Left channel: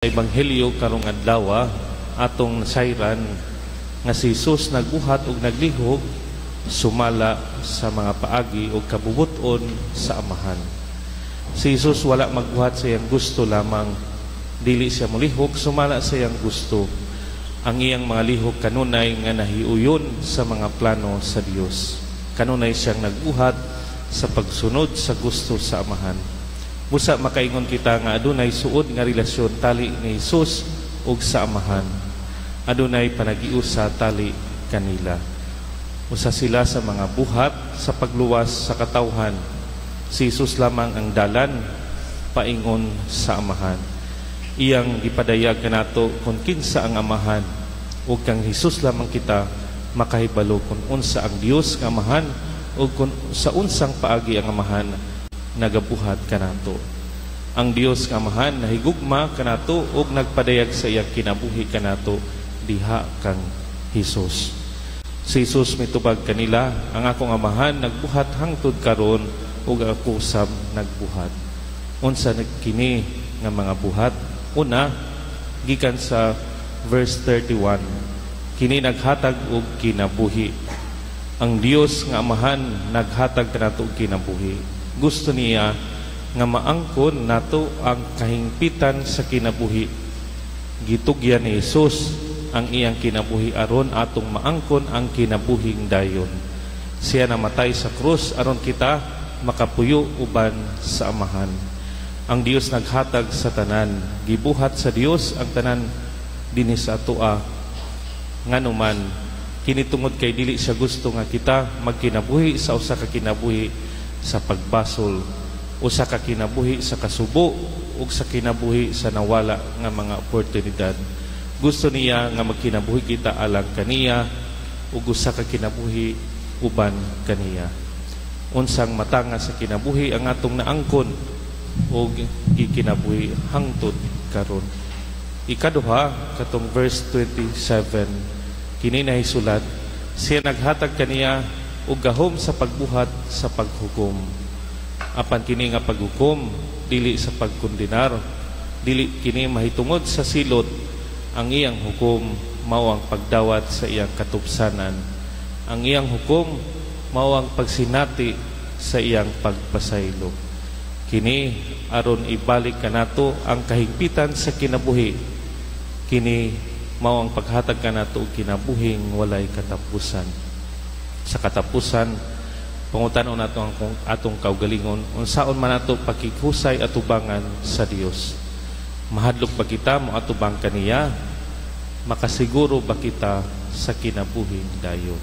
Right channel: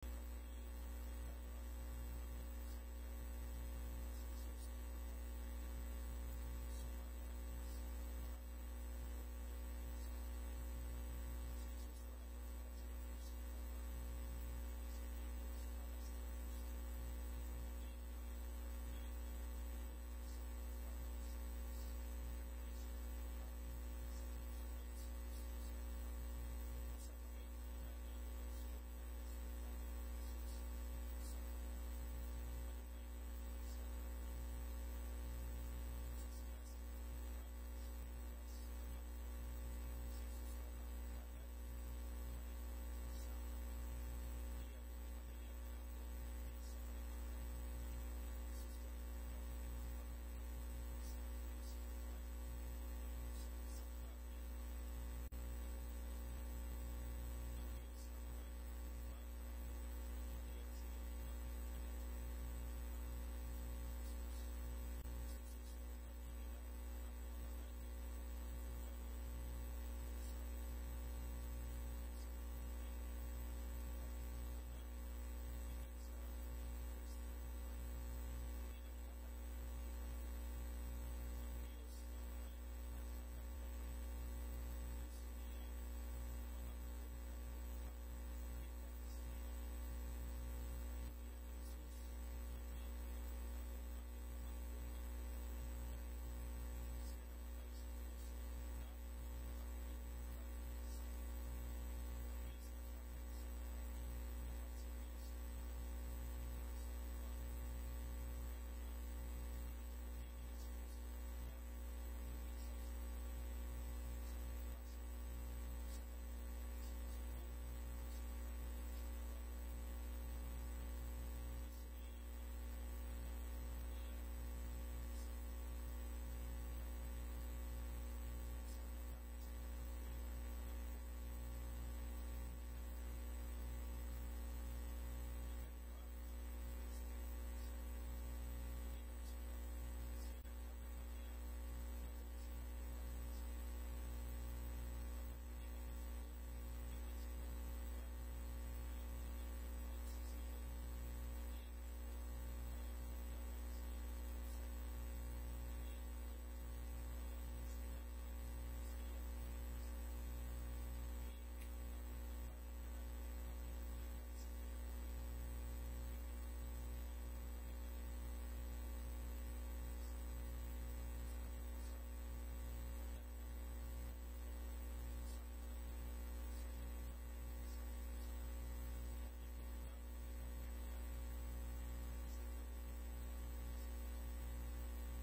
Ebanghelyo karong adlaw atong nasayran nga si Jesus nagbuhat ug naglihok sumala sa mga paagi ug kabubuton sa amahan. Si Jesus wala magbuhat sa iyang gusto lamang, dili siya molihok sumala sa iyang gusto. Ang iyang mga lihok kanunay nga nahiuyon sa mga plano sa Dios. Kanunay siyang nagbuhat sa pagsunod sa gusto sa amahan. Busa makaingon kita nga adunay suod nga relasyon tali ni Jesus ug sa amahan. Adunay panagiusa tali kanila. Usa sila sa mga buhat sa pagluwas sa katawhan. Si Jesus lamang ang dalan paingon sa amahan. Iyang gipadayag kanato kung kinsa ang amahan ug kang Jesus lamang kita makahibalo kung unsa ang Dios nga amahan ug kung sa unsang paagi ang amahan nagabuhat kanato. Ang Dios nga amahan nahigugma kanato ug nagpadayag sa iyang kinabuhi kanato diha kang Hesus. Si Jesus mitubag kanila, ang akong amahan nagbuhat hangtod karon ug ako sab nagbuhat. Unsa kini nga mga buhat? Una, gikan sa verse 31. Kini naghatag og kinabuhi. Ang Dios nga amahan naghatag kanato og kinabuhi. Gusto niya nga maangkon nato ang kahingpitan sa kinabuhi. Gitugyan ni Jesus ang iyang kinabuhi aron atong maangkon ang kinabuhing dayon. Siya namatay sa krus aron kita makapuyo uban sa amahan. Ang Dios naghatag sa tanan, gibuhat sa Dios ang tanan dinhi sa atoa. Nganuman kini tungod kay dili siya gusto nga kita magkinabuhi sa usa ka kinabuhi sa pagbasol, usa ka kinabuhi sa kasubo ug sa kinabuhi sa nawala nga mga oportunidad. Gusto niya nga magkinabuhi kita alang kaniya ug usa ka kinabuhi uban kaniya. Unsang matanga sa kinabuhi ang atong naangkon ug gikinabuhi hangtod karon. Ikaduha katong verse 27 kini nahisulat, siya naghatag kaniya ug gahom sa pagbuhat sa paghukom. Apan kini nga paghukom dili sa pagkondenar, dili kini mahitungod sa silot. Ang iyang hukom mao ang pagdawat sa iyang katupsanan. Ang iyang hukom mao ang pagsinati sa iyang pagpasaylo. Kini aron ibalik kanato ang kahigpitan sa kinabuhi. Kini mao ang paghatag kanato og kinabuhing walay katapusan. Sa katapusan, pangutanon nato ang atong kaugalingon, unsaon man nato pakighusay atubangan sa Dios. Mahadlok ba kita mo atubang kaniya? Makasiguro ba kita sa kinabuhing dayon?